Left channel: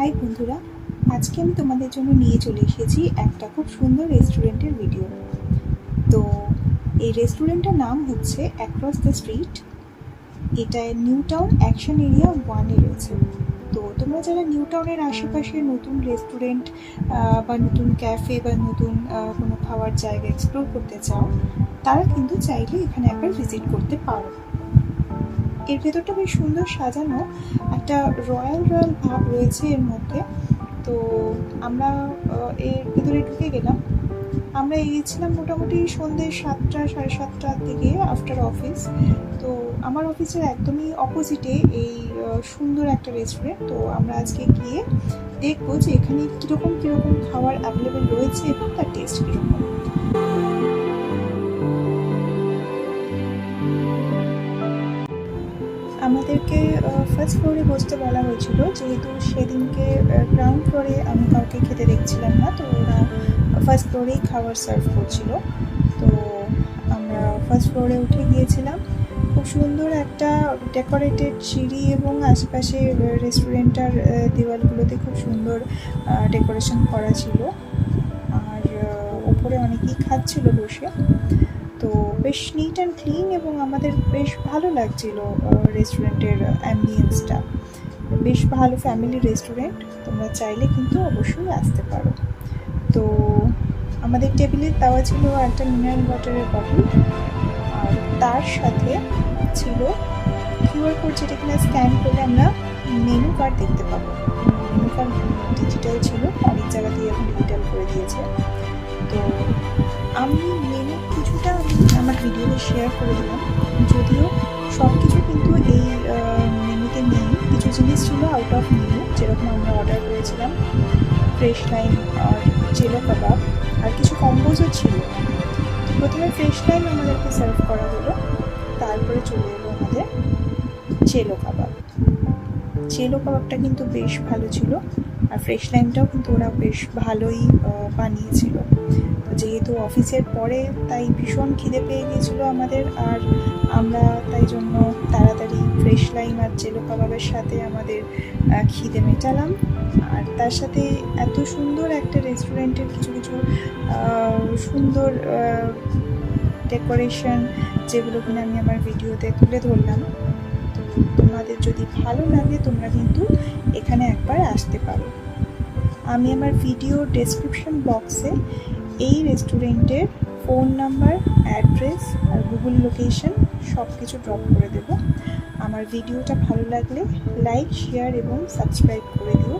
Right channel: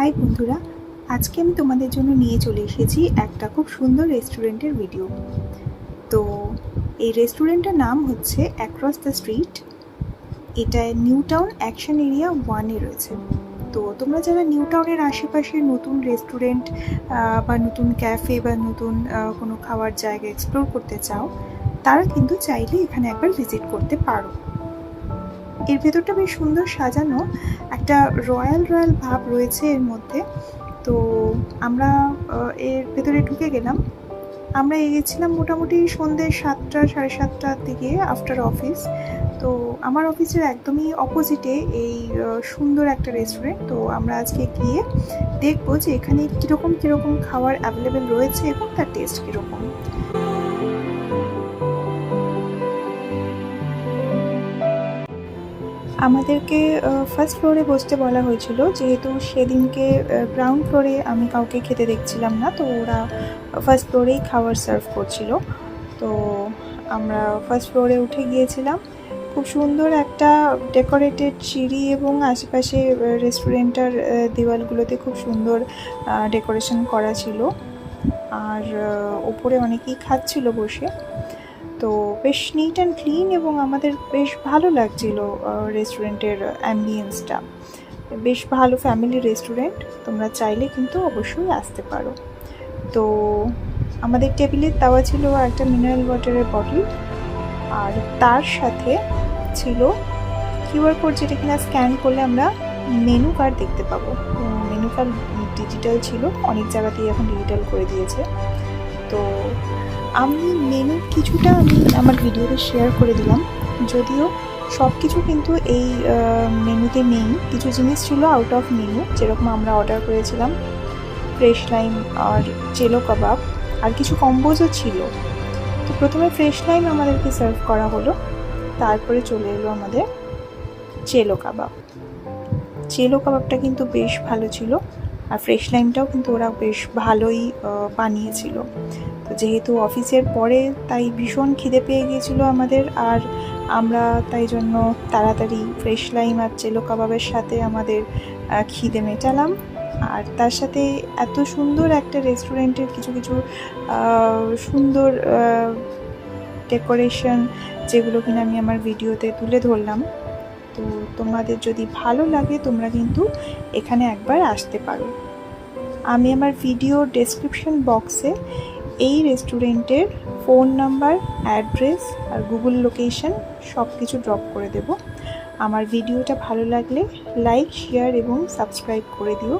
High বন্ধুরা, আজকে আমি তোমাদের জন্য নিয়ে চলে এসেছি একটা খুব সুন্দর রেস্টুরেন্টের ভিডিও। তো এই রেস্টুরেন্টের নাম হচ্ছে অ্যাক্রস দ্য স্ট্রিট। এটা নিউ টাউন অ্যাকশন এরিয়া 1-এ রয়েছে। তো তোমরা যারা নিউ টাউনের আশেপাশে নতুন রেস্টুরেন্ট বা নতুন ক্যাফে বা নতুন কোনো খাওয়ার জায়গা এক্সপ্লোর করতে চাও, তারা কিন্তু চাইলে এখানে একবার ভিজিট করতে পারো। এর ভেতরটা বেশ সুন্দর সাজানো, একটা রয়্যাল ভাব রয়েছে এর মধ্যে। তো আমরা এর ভেতরে ঢুকে গেলাম। আমরা এগিয়েছিলাম মোটামুটি সন্ধ্যে 7টা 7:30টার দিকে আফটার অফিস। তো আমার অফিসের একদমই অপোজিটে এই সুন্দর একটা রেস্টুরেন্ট। তো আমরা আজকে গিয়ে দেখবো যে এখানে কীরকম খাবার অ্যাভেলেবেল রয়েছে এবং তার টেস্ট কীরকম। আমাদেরকে ফার্স্ট ফ্লোরে বসতে বলা হয়েছিল, যেহেতু সেদিনকে গ্রাউন্ড ফ্লোরে আমি কাউকে খেতে দেখছিলাম না, তো ওরা ফার্স্ট ফ্লোরেই খাবার সার্ভ করছিল। তো আমরা ফার্স্ট ফ্লোরে উঠে গিয়েছিলাম। খুব সুন্দর একটা ডেকোরেটেড সিঁড়ি এবং আশেপাশে রেস্টুরেন্টের দেওয়ালগুলোতে খুব সুন্দর ডেকোরেশন করা ছিল। আর ওপরে অনেকেই খাচ্ছিল বসে। তো বেশ নিট অ্যান্ড ক্লিন এবং আমাদের বেশ ভালো লাগছিল রেস্টুরেন্টের অ্যাম্বিয়েন্সটা। বেশ ভালো ফ্যামিলি রেস্টুরেন্ট, তোমরা চাইলে কিন্তু অবশ্যই আসতে পারো। তো আমাদের টেবিলে দেওয়া ছিল একটা মিনারেল ওয়াটারের বটল, আর তার সাথে ছিল কিউআর কোড, যেটা কিনা স্ক্যান করলে আমরা মেনু কার্ড দেখতে পাবো। মেনু কার্ড ডিজিটাল ছিল, অনেক জায়গাতেই এখন ডিজিটাল করে দিয়েছে। তো আমি মেনু কিছুটা আমার ভিডিওতে শেয়ার করে দিলাম, যদিও সব কিছু কিন্তু এই মেনুতে নেই। কিছু জিনিস ছিল আউট অফ মেনু, যেরকম আমরা অর্ডার করেছিলাম ফ্রেশ লাইম আর চেলো কাবাব, আর কিছু কম্বোজও ছিল। তো প্রথমে ফ্রেশ লাইম আমাদেরকে সার্ভ করা হলো, তারপরে চলে এলো আমাদের চেলো কাবাব। চেলো কাবাবটা কিন্তু বেশ ভালো ছিল, আর ফ্রেশ লাইমটাও কিন্তু ওরা বেশ ভালোই বানিয়েছিল। তো যেহেতু অফিসের পরে, তাই ভীষণ খিদে পেয়ে গিয়েছিলো আমাদের, আর আমরা তাই জন্য তাড়াতাড়ি ফ্রেশ লাইম আর চেলো কাবাবের সাথে আমাদের খিদে মেটালাম। আর তার সাথে এত সুন্দর একটা রেস্টুরেন্টের কিছু সুন্দর ডেকোরেশন, যেগুলো কিনা আমি আমার ভিডিওতে তুলে ধরলাম। তো তোমাদের যদি ভালো লাগে, তোমরা কিন্তু এখানে একবার আসতে পারো। আমি আমার ভিডিও ডেসক্রিপশন বক্সে এই রেস্টুরেন্টের ফোন নাম্বার, অ্যাড্রেস আর গুগল লোকেশন সব কিছু ড্রপ করে দেব। আমার ভিডিওটা ভালো লাগলে লাইক, শেয়ার এবং সাবস্ক্রাইব করে দিও।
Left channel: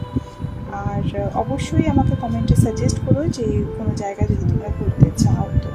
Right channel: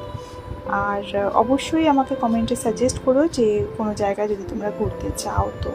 আর অবশ্যই আমাকে কমেন্টে সাজেস্ট করো যে কোনো জায়গায় যদি তোমরা ঘুরতে চাও। তো